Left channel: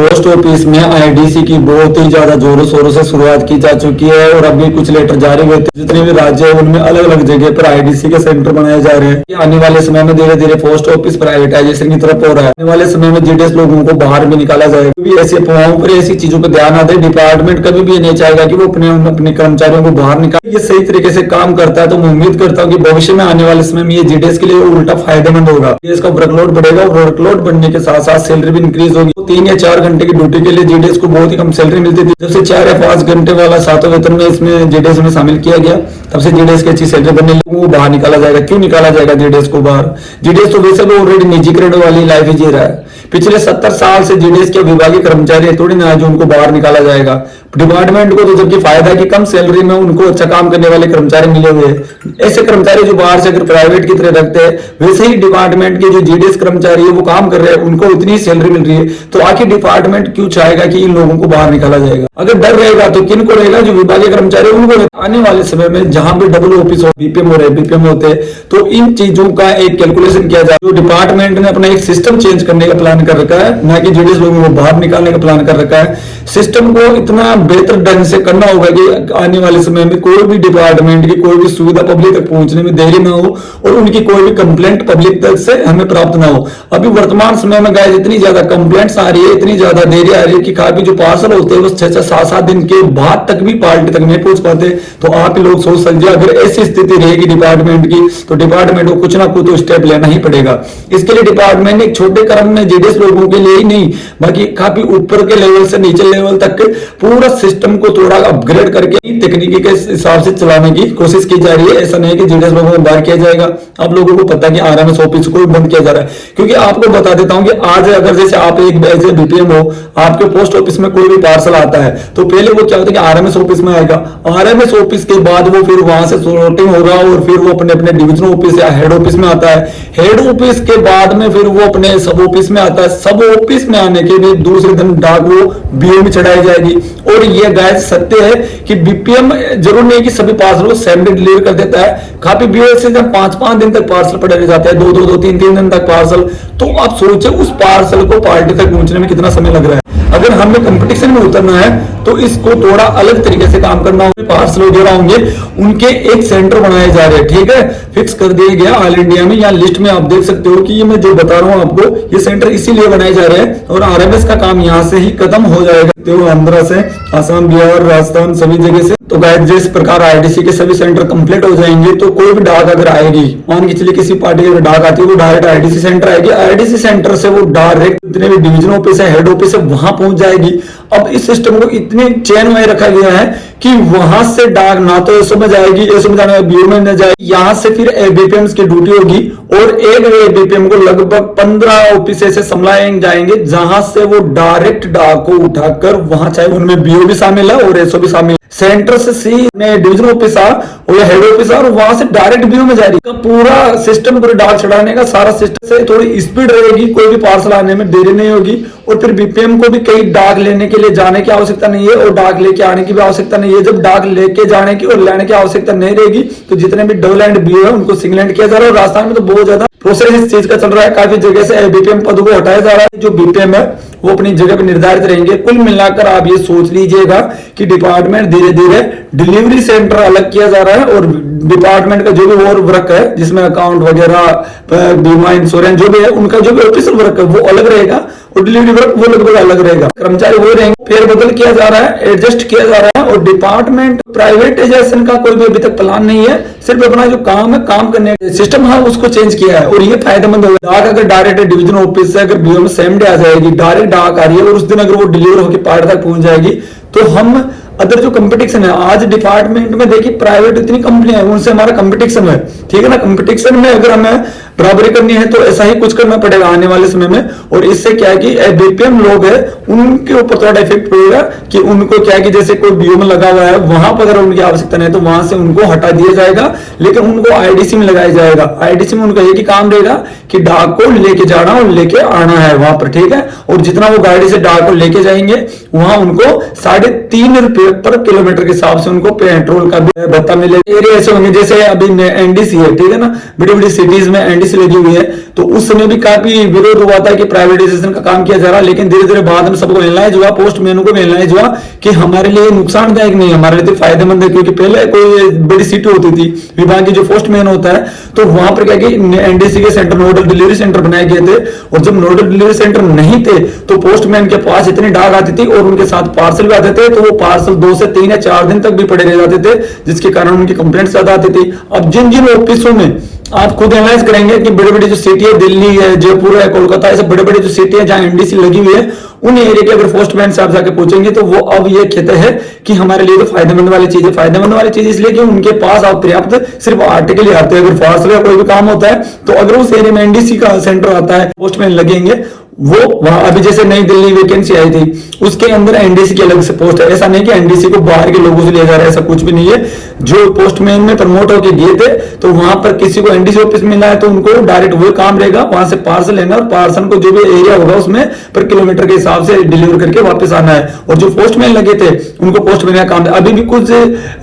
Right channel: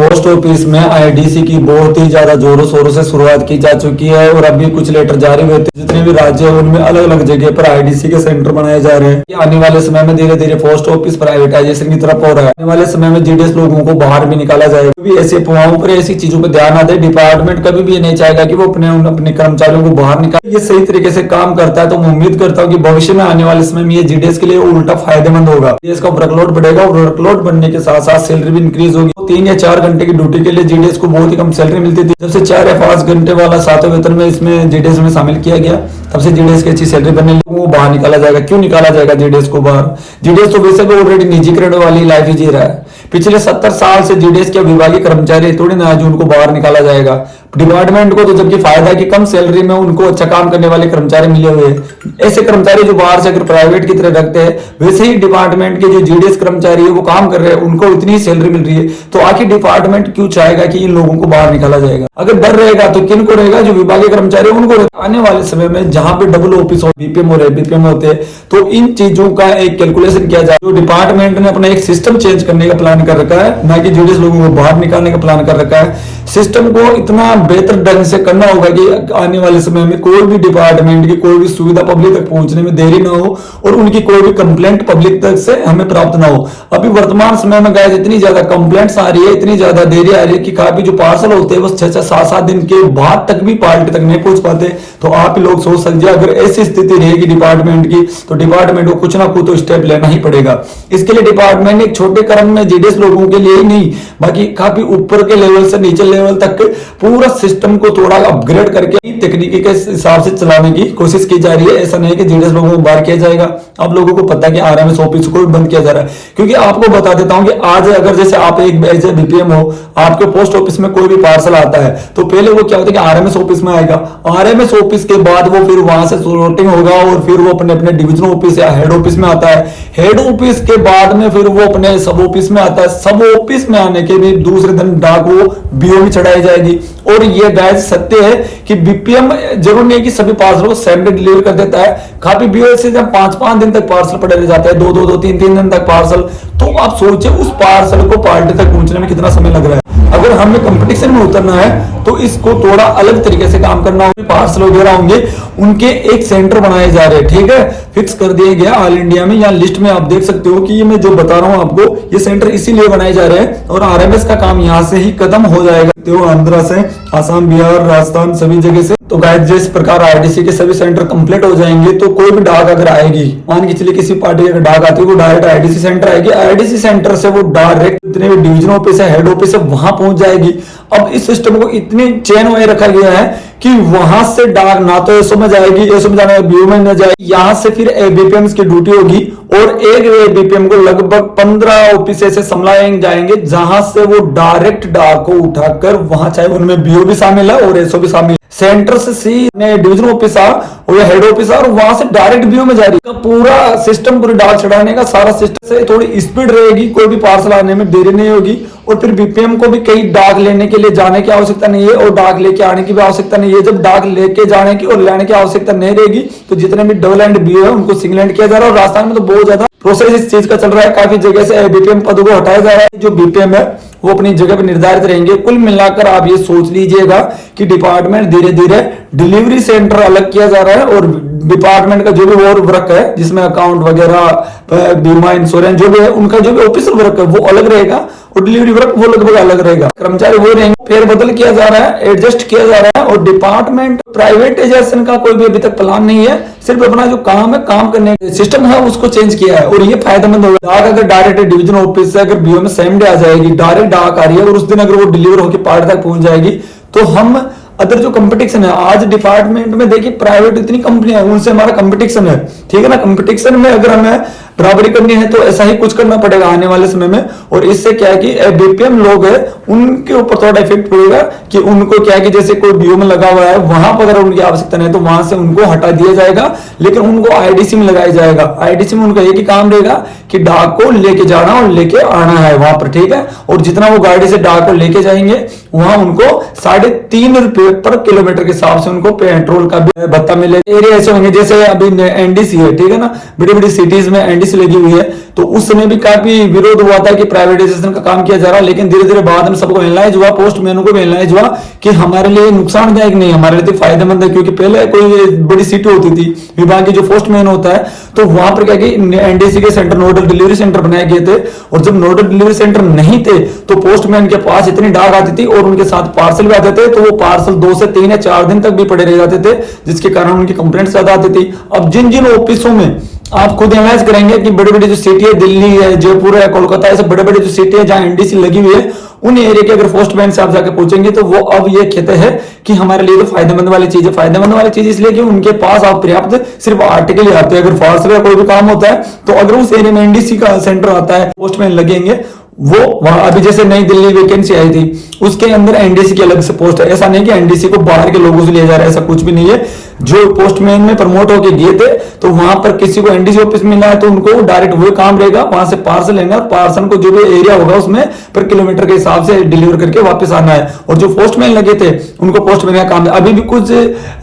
Post office में IDC की बहुत ही ज्यादा जोरों शोरों से शुरुआत की जा चुकी है और अभी कुछ लेटर जारी हुए थे। जितने भी राज्य है उनमें अलग अलग जगह पर आईडीसी के सेंटर बनाए जा रहे हैं। आने वाले समय में धीरे धीरे पोस्ट ऑफिस प्राइवेटाइजेशन की तरफ हो रहा है। आने वाले समय में जीडीएस लोगों को बाहर भी निकाला जाएगा। क्योंकि ऐसी अफवाहों पर ऐसी चीजों पर ध्यान ना दे। डिपार्टमेंट कभी भी नहीं चाहेगा कि वो अपने कर्मचारियों को बाहर निकाले। ये सही तरीके से काम करता है तो मैं उम्मीद करता हूँ कि भविष्य में आने वाले समय में ये जीडीएस के लिए उल्टा फायदेमंद होगा। जीडीएस का वर्कलोड बढ़ेगा और वर्कलोड बढ़ने के साथ साथ सैलरी भी इंक्रीज होगी। 3 या 4 घंटे की ड्यूटी के लिए जीडीएस को बहुत ही कम सैलरी मिलती थी। जब से 4 या 5 घंटे वाला 7वां वेतन में इसमें जीडीएस में शामिल किया गया, तब से जीडीएस की अच्छी सैलरी बनने लगी। वो बाहर निकाला जाएगा। क्यों निकाला जाएगा जीडीएस को बाहर? जीडीएस तो वैसे भी ऑलरेडी निजीकरण वाली लाइफ ही जी रहा है। पिछले 70 साल से जीडीएस के विभागीय कर्मचारी थोड़ी ना है जो उनको बाहर निकाला जाएगा। डिपार्टमेंट को तो जबकि फायदा है कि कम सैलरी में उनको अच्छा काम करने वाले कर्मचारी मिले हुए हैं। ऐसे कर्मचारी जो बाहर से अगर प्राइवेट की तरह रखते हैं, वैसे ही डिपार्टमेंट के जो जीडीएस कर्मचारी है वो काम कर रहे हैं, उनको इतनी सैलरी मिल रही है। तो आखिर डिपार्टमेंट क्यों चाहेगा कि इन लोगों को बाहर निकाला जाएगा? अगर डर रहेगा तो किन को रहेगा? जो विभागीय कर्मचारी उनको। आने वाले समय में जहां पे डबल ऑफिस हो, बीपीएम हो रहे, बीपीएम होते, तो इन चीजों का एक कैलकुलेशन किया जाए। जो डिपार्टमेंट ने अपना एक सिस्टम चेंज करने का प्लान कर रखा है, ना कि जीडीएस लोगों को बाहर निकालने का प्लान कर रखा है। सिस्टम को इतना बेहतर ढंग से करना होगा कि आने वाले समय में कोई भी डिपार्टमेंट की कोई भी सुविधा पब्लिक तक पहुंचने में देरी ना हो और उनकी कोई भी कंप्लेंट पब्लिक तक से हमें प्राप्त ना हो। अभी वर्तमान समय में गाइस इतनी ज्यादा कंप्लेंट्स आ रही है, इतनी ज्यादा देरी आ रही है कि काफी जो पार्सल होते हैं वो 6-6, 7-7 दिन के बाद तक भी पार्टी तक नहीं पहुंच पाते। तो आप ही लोग सोच सकते हैं अगर ऐसी स्थिति रहेगी डिपार्टमेंट की तो डिपार्टमेंट को कुछ ना कुछ स्टेप लेना ही पड़ेगा। इसके लिए डिपार्टमेंट ने एक छोटे क्रम में जीडीएस लोगों के लिए ही नहीं बाकी काफी ऊपर के लेवल से नीचे लेवल तक पूरा सिस्टम को थोड़ा अपग्रेड करके तकनीकी के हिसाब से चलाने की कोशिश की जा रही है। ऐसा नहीं है कि जीडीएस लोगों को बाहर किया जाएगा। आप लोगों को पता है कि आरएमएस ऑफिस को बंद किया जा रहा है। क्योंकि आपको बता देता हूं कि आज अगर जैसे आप एक ऐसे बीपीएम हो, आपके पोस्ट ऑफिस में कोई भी पार्सल आता है तो पहले वो क्या होता है कि आरएमएस ऑफिस में आएगा। आरएमएस ऑफिस के बाद वो फिर वहां से सॉर्टिंग होगा और फिर वो अपने अपने डिवीजन ऑफिस या हेड ऑफिस में आता है। हेड ऑफिस के बाद में फिर वो अपने सब ऑफिस में आता है। सब ऑफिस में आने के भी दूसरे दिन डाक वो बीओ में चढ़ाई जाएगी। और ये गाइस सत्य है कि बीपीएम जरूर नहीं कि सभी पार्सल को सेम डे डिलीवर कर देता है। काफी बीओ से जब 5-5 दिन तक पार्सल पड़े रह जाते हैं, 2-2, 3-3 दिन तक पार्सल, तो आप सोचे उस पार्सल को पार्टी तक पहुंचने में कितना समय लग रहा है। अगर हमें कंपटीशन में उतरना है तो इसको थोड़ा अलग तरीके से काम करना होगा। पार्सल वगैरह होंगे उनके एक सेंटर बनाए जा रहे हैं, ठीक है, फिक्स कर दिया गया ऑल इंडिया में। यहाँ लिस्ट में आप देख सकते हो कि ये मैं जो बता रहा हूँ आपको, ये सेंटर इसीलिए बनाए जा रहे हैं और आरएमएस का काम यहाँ से ही खत्म हो जाएगा। तो आंध्र से, आसाम, बिहार, राजस्थान सभी जगह से। तो गाइस जिस प्रकार आईडीसी के सभी सेंटर कंप्लीट हो जाएंगे तो कोई भी डाक अगर आएगी, मान के चलिए किसी पार्टी की डाक आती है, वो डायरेक्ट आईडीसी सेंटर आएगी। आईडीसी सेंटर से वो डायरेक्ट जितने भी डिवीजन ऑफिस है, हेड ऑफिस है, वहां पहुंच जाएगी। अब इस सिस्टम को इतने चेन में रखा गया है कि वहां से डाक ना तो एसओ में जाएगी, एसओ में जाने बीओ में न जाएगी, यहां से फिर एबीपीएम की ड्यूटी होगी और एक एबीपीएम को लगभग 15 ऑफिस से संभाले जाएंगे, जहां से वो डायरेक्ट डाक को उठाकर वहां, चाहे उनमें बीओ भी शामिल है और एसओ भी शामिल, सेंटर से सी में डिवीजन ऑफिस और या हेड ऑफिस और वहां से डायरेक्ट बीओ में जाएगी। पूरा सिस्टम पूरे डाक चढ़ाने का सारा सिस्टम से थोड़ी स्पीड रहेगी, कोई भी पार्सल आने में देरी नहीं होगी और फिर बीपीएम को भी कहीं डाक लेने के लिए जाने की आवश्यकता नहीं है और डाक लेके आने की भी आवश्यकता नहीं है। जब डाक लेके जाने की और लेने की आवश्यकता नहीं रहेगी तो जितने भी डबल एंड बीओ है उनको सिंगल एंड किया जा रहा है। और राजस्थान में तो बहुत ज्यादा प्रोसेस इस चीज का चल रहा है। काफी जगह से बीपीएम पद को हटाया जा रहा है। जो बीपीएम है वो अपनी जगह पर निर्धारित रहेंगे। कुल मिलाकर आप ये सोच लीजिएगा कि डिपार्टमेंट धीरे धीरे डिलीवरी सेंटर अलग किया जा रहा है और डिपार्टमेंट का जो भी और वर्क है जिसमें अकाउंट वगैरह, बीमा, इंश्योरेंस जो भी है, उनका जो भी ऑफिशियल वर्क है वो अलग रहेगा और डिलीवरी वर्क वो लगभग अलग रहेगा। कर्मचारी वो रहेंगे, फेर बदल किया जा रहा है, एडजस्ट किया जा रहा है। और डिपार्टमेंट प्राइवेटाइजेशन का कोई भी अभी तक प्लान नहीं है, सिर्फ अपना जो काम है, काम करने सिस्टम है उसको चेंज किया है और ये फायदेमंद होगा। डाक अगर डायरेक्ट डिवीजन ऑफिस से अगर बीओ में सेम डे आ जाएगी, डायरेक्ट डाक आ रही है और उस दिन अगर वो डिलीवर होकर पार्टी तक पहुंच जाएगी तो हम अदर जो कंपटीशन है, आज डिपार्टमेंट में देखिए प्राइवेट इतनी कंपनियां हैं, उनसे हमारा कंपटीशन है, ठीक है ना। कंपटीशन में अगर हमें बराबरी करनी है तो ऐसा ही कुछ करना पड़ेगा आने वाले समय में। और इससे क्या है कि बीपीएम लोग है उनके ऊपर थोड़ा इफेक्ट पड़ेगा कि उनको क्या है कि जैसे कोई बीओ में लगा हुआ है वहां पर अगर उनकी आवश्यकता नहीं तो वहां से उनको हटा दिया जाएगा, लेकिन उनको आईडीसी में लगाया जाएगा। आईडीसी में उनका एक ही काम रहेगा कि डाक को लेके जाना और लेके आना है वहां पर, ठीक है। और जितना वो गाड़ी से डाक को लेके जाएंगे वहां उनको 3.5 रुपए पर किलोमीटर के हिसाब से उनको पेट्रोल का भी भत्ता मिलेगा। एरिया ऐसे होंगे जैसे अभी एनडीसी है, ठीक है ना, बड़ी बड़ी सिटीज में एनडीसी लगी हुई है, तो उस समय भी काफी विरोध हुआ था कि प्राइवेटाइजेशन का काम किया जा रहा है, लेकिन धीरे धीरे बाद में सबको एनालाइज हुआ, पोस्टमैनों को एनालाइज हुआ कि हमारे लिए नुकसानदायक नहीं, हमारे लिए तो फायदेमंद है। क्योंकि पहले कोई बड़ी सिटी होती थी, विभाग की जो पोस्टमैन होता है, तो वहां पर क्या कि एनडीसी के सेंटर, नोडल डिलीवरी सेंटर बनाए गए थे, और जब नोडल डिलीवरी सेंटर नहीं थे तो पोस्टमैन के पास इतनी डाक आती थी और उनके साथ पार्सल भी आते थे, तो वो पार्सल 2 से 3 या 4 दिन तक भी पड़े रह जाते थे, जिसके कारण उनकी कंप्लेंट ज्यादा आती थी। अब जिन जिन ऑफिसों में आप खुद एनालाइज करेंगे कि बड़ी बड़ी जो सिटी है, दिल्ली है, जयपुर है, कोलकाता, ऐसे बड़े बड़े जो सिटी है जहां एनडीसी लगी हुई है, उन एरिया के अगर पोस्टमैन से आप जाके पूछेंगे तो वो अब ये कहते हैं कि हमारे लिए तो फायदेमंद वाली चीज है। फायदेमंद वाली चीज इसलिए कि उनके पास आप पर्याप्त सिर्फ आर्टिकल ही आते हैं, अगर पार्सल या कोई भी काम होता है तो अगर उस एरिया में एनडीसी का सेंटर आता है, पोस्टमैन लगेंगे, वो वहां अभी जैसे नई दिल्ली वैकेंसी आई थी, उसके अंदर एनडीसी की अलग से पोस्ट है। ऐसा नहीं कि एनडीसी को बाहर के लोगों से लिया जा रहा है, ऐसा कुछ भी नहीं है। जो पोस्टमैन में प्रमोट होकर गए थे तो वहां पर किसी को एनडीसी ऑफिस मिला है तो उनको डायरेक्ट वो काम रहेगा, वहां से पार्सल लेना और पार्सल को जो भी एरिया होगा उसमें पर किलोमीटर के हिसाब से डिलीवर करके वापस आना है। और जो पोस्टमैन लगे थे उनको पोस्टमैन का काम है। अभी भी कुछ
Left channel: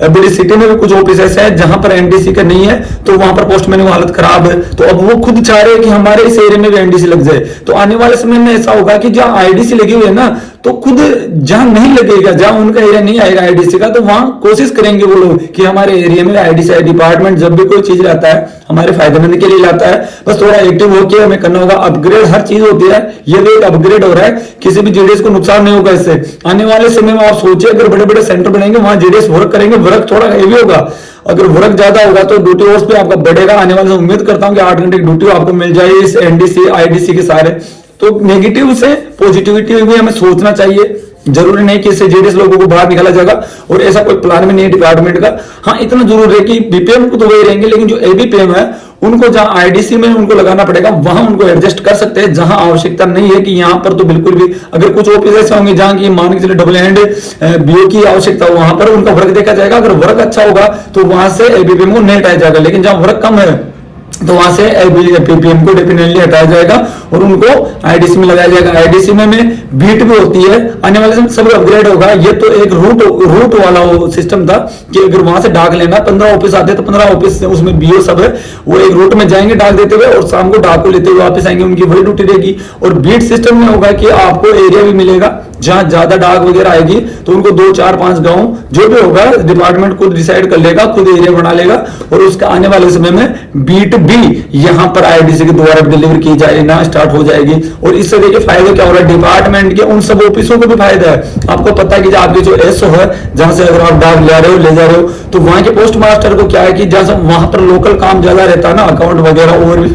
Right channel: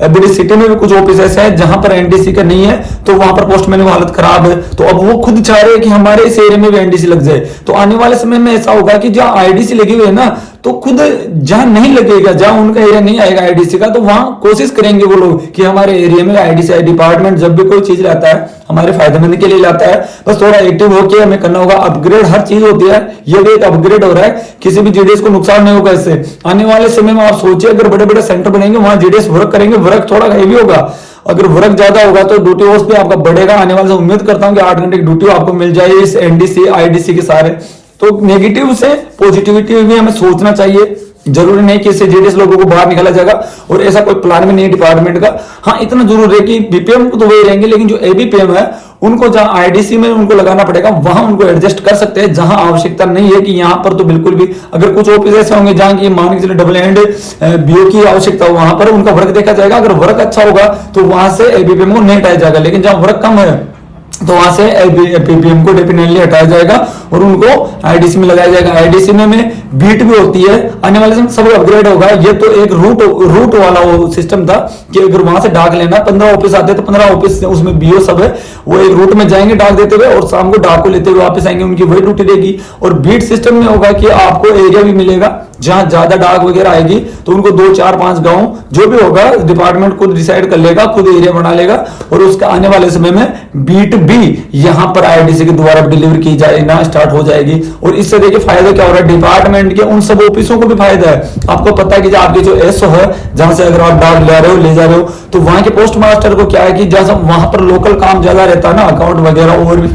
बड़ी सिटी में भी कुछ ऑफिस ऐसा है जहां पर एनडीसी का नहीं है, तो वहां पर पोस्टमैन की हालत खराब है, तो अब वो खुद चाह रहे हैं कि हमारे इस एरिया में भी एनडीसी लग जाए। तो आने वाले समय में ऐसा होगा कि जहां आईडीसी लगी हुई है ना, तो खुद जहां नहीं लगेगा, जहां उनका एरिया नहीं आएगा आईडीसी का, तो वहां कोशिश करेंगे वो लोग कि हमारे एरिया में आईडीसी डिपार्टमेंट जब भी कोई चीज लाता है हमारे फायदेमंद के लिए लाता है, बस थोड़ा एक्टिव होकर हमें करना होगा। अपग्रेड हर चीज होती है, ये भी एक अपग्रेड हो रहा है, किसी भी जेडीएस को नुकसान नहीं होगा इससे। आने वाले समय में आप सोचिए अगर बड़े बड़े सेंटर बनेंगे वहां जेडीएस वर्क करेंगे, वर्क थोड़ा हेवी होगा, अगर वर्क ज्यादा होगा तो ड्यूटी होर्स भी आपका बढ़ेगा। आने वाले समय उम्मीद करता हूं कि 8 घंटे की ड्यूटी आपको मिल जाएगी इस एनडीसी आईडीसी के सारे। तो नेगेटिव से पॉजिटिविटी भी हमें सोचना चाहिए, जरूरी नहीं कि इससे जेडीएस लोगों को बाहर निकाला जाएगा, और ऐसा कोई प्लान भी नहीं है डिपार्टमेंट का। हाँ, इतना जरूर है कि बीपीएम को तो वही रहेंगे, लेकिन जो एबीपीएम है उनको जहां आईडीसी में उनको लगाना पड़ेगा वहां उनको एडजस्ट कर सकते हैं, जहां आवश्यकता नहीं है कि यहां पर तो बिल्कुल भी। अगर कुछ ऑफिस ऐसे होंगे जहां की मान के चले डबल हैंड बीओ की आवश्यकता हो, वहां पर उनका वर्क देखा जाएगा। अगर वर्क अच्छा होगा तो वहां से एबीपीएम को नहीं हटाया जाएगा, लेकिन जहां वर्क कम है तो वहां से एबीपीएम को डेफिनेटली हटाया जाएगा और उनको आईडीसी में लगाया जाएगा। आईडीसी में बीट भी होती है, आने वाले समय सब अपग्रेड होगा। ये तो एक रूट वाला वो सिस्टम था कि अगर वहां से डाक लेना, 15 ऑफिस आते हैं तो 15 ऑफिस उसमें बीओ सब है, वो एक रूट में जाएंगे डाक देते हुए और शाम को डाक को लेते हुए वापस आएंगे, उनकी वही ड्यूटी रहेगी। और बीट सिस्टम में होगा कि आपको एरिया भी मिलेगा जहां ज्यादा डाक वगैरह आएगी तो उनको 2, 4, 5 गांव जो भी होगा डिपार्टमेंट खुद डिसाइड कर लेगा, खुद एरिया बना लेगा, और उसका आने वाले समय में बीट भी यहां पर आईडीसी के द्वारा डिलीवर की जाएगी, स्टार्ट हो जाएगी। और इससे देखिए फायदा क्या हो रहा है, डिपार्टमेंट के उन सब ऑफिसों को भी फायदा है। आपको पता है कि आपके जो एसओ है, जहां से अगर आप डाक ले रहे हो ले जा रहे हो, तो वहां के पोस्ट मास्टर को क्या है कि जहां वहां पर लोकल काम ज्यादा रहता है ना, अकाउंट वगैरह और भी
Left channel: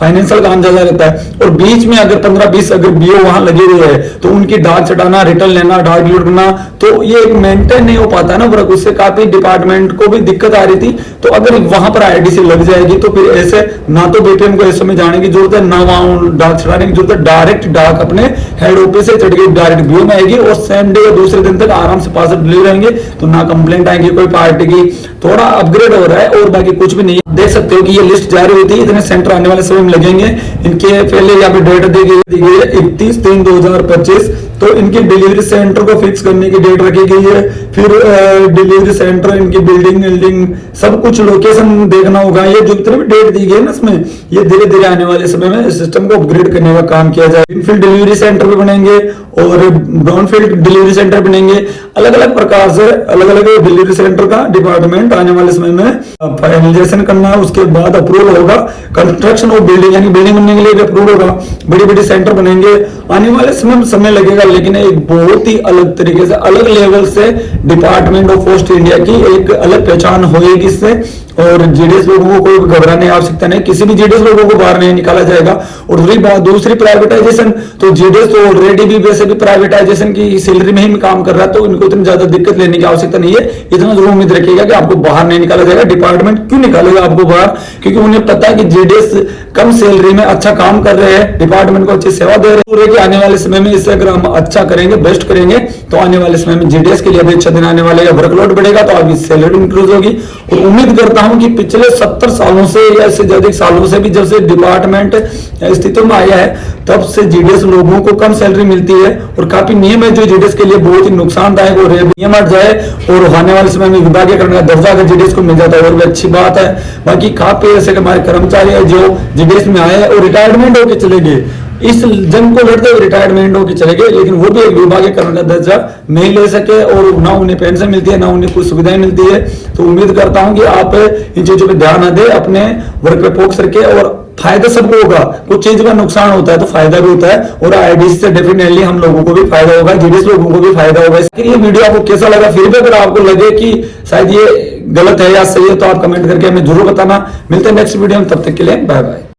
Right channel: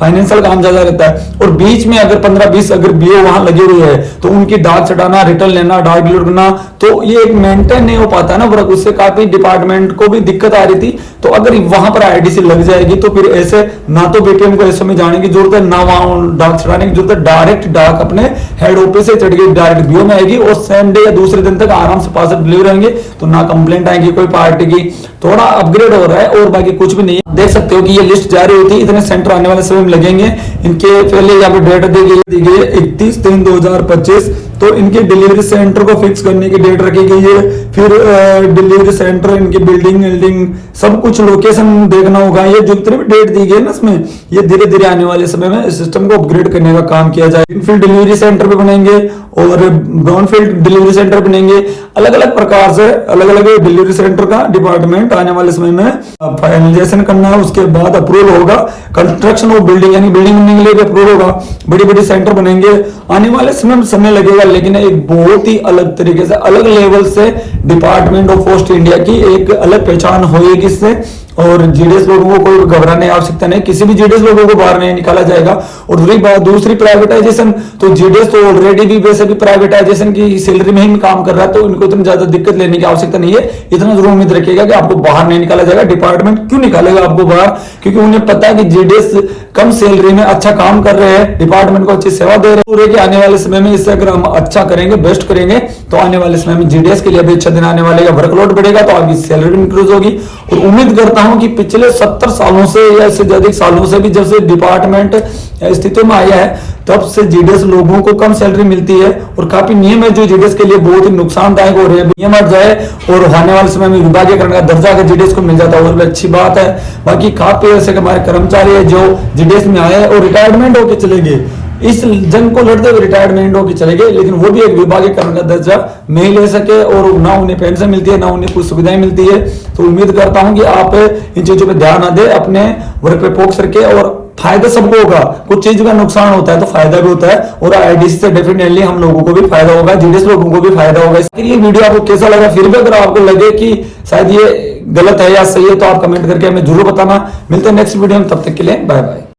फाइनेंशियल काम ज्यादा रहता है, और बीच में अगर 15-20 अगर बीओ वहां लगे हुए है तो उनकी डाक चटाना, रिटर्न लेना, डाक डिलीवर करना, तो ये एक मेंटेन नहीं हो पाता ना वर्क, उससे काफी डिपार्टमेंट को भी दिक्कत आ रही थी। तो अगर वहां पर आईडीसी लग जाएगी तो फिर ऐसे ना तो बीपीएम को ऐसे में जाने की जरूरत है, ना वहां डाक चढ़ाने की जरूरत है, डायरेक्ट डाक अपने हेड ऑफिस से चढ़ के डायरेक्ट बीओ में आएगी और सेम डे या दूसरे दिन तक आराम से पार्सल डिलीवर होंगे, तो ना कंप्लेंट आएगी कोई पार्टी की। थोड़ा अपग्रेड हो रहा है और बाकी कुछ भी नहीं है। देख सकते हो कि ये लिस्ट जारी होती है, इतने सेंटर आने वाले समय में लगेंगे। इनके पहले यहाँ पे डेट दी गई है 31/3/2025, तो इनके डिलीवरी सेंटर को फिक्स करने की डेट रखी गई है। फिर डिलीवरी सेंटर, इनकी बिल्डिंग सब कुछ लोकेशन देखना होगा। ये जो भी डेट दी गई है ना इसमें, ये धीरे धीरे आने वाले समय में सिस्टम को अपग्रेड करने का काम किया जाए। ग्रीनफील्ड डिलीवरी सेंटर भी बनेंगे और ब्राउनफील्ड डिलीवरी सेंटर बनेंगे। अलग अलग प्रकार से अलग अलग डिलीवरी सेंटर का डिपार्टमेंट आने वाले समय में फाइनलाइजेशन करना है, उसके बाद अप्रूवल होगा। कंस्ट्रक्शन ऑफ बिल्डिंग यानी बिल्डिंग बनने के लिए भी अप्रूवल होगा। बड़ी बड़ी सेंटर बनेंगे, आने वाले समय लगेगा, लेकिन एक बहुत ही अलग तरीके से अलग लेवल से डिपार्टमेंट ऑफ पोस्ट इंडिया की एक अलग पहचान होगी इससे। और जेडीएस लोगों को कोई घबराने की आवश्यकता नहीं, किसी भी जेडीएस लोगों को बाहर नहीं निकाला जाएगा। और रही बात दूसरी प्राइवेटाइजेशन, तो जेडीएस तो ऑलरेडी भी वैसे भी प्राइवेटाइजेशन की सैलरी में ही काम कर रहा है, तो इनको इतनी ज्यादा दिक्कत लेने की आवश्यकता नहीं है। इतना जरूर उम्मीद रखिएगा कि आपको बाहर नहीं निकाला जाएगा। डिपार्टमेंट क्यों निकालेगा आपको बाहर, क्योंकि उन्हें पता है कि जेडीएस कम सैलरी में अच्छा काम कर रहे हैं, डिपार्टमेंट को अच्छी सेवा दे रहे हैं। आने वाले समय में इससे अगर हम अच्छा करेंगे, बेस्ट करेंगे, तो आने वाले समय में जीडीएस के लिए भी अच्छा दिन आने वाले या वर्कलोड बढ़ेगा तो आपकी सैलरी इंक्रीज होगी। और उम्मीद करता हूं कि पिछले 70 सालों से या इससे ज्यादा सालों से भी जब से डिपार्टमेंट स्थितियों में आया है तब से जीडीएस लोगों को कम सैलरी मिलती है और काफी नियम है जो जीडीएस के लिए बहुत ही नुकसानदायक हो रहे हैं। नियम हट जाए और आने वाले समय में विभागीकरण का दर्जा अगर जीडीएस को मिल जाता है और भी अच्छी बात है। बाकी काफी ऐसे हमारे कर्मचारी है जो जीडीएस में आए और रिटायरमेंट होकर चले गए, इस जंग को लड़ते हुए रिटायरमेंट होकर चले गए, लेकिन वो भी एक विभागीकरण का दर्जा नहीं ले सके और ना उन्हें पेंशन मिलती है ना उन्हें कुछ सुविधाएं मिलती है। तो उम्मीद करता हूं कि आप इन चीजों पे ध्यान न दें, अपने वर्क पे फोकस करके, और फायदा सबको होगा। कुछ चीज का नुकसान होता है तो फायदा भी होता है और आईडीसी से डेफिनेटली हम लोगों को भी फायदा होगा, जीडीएस लोगों को भी फायदा होगा। ये वीडियो आपको कैसा लगा, फिर भी अगर आपको लगे कि शायद ये गलत है या सही है तो आप कमेंट करके हमें जरूर बताना। मिलते हैं नेक्स्ट वीडियो में, तब तक के लिए बाय बाय।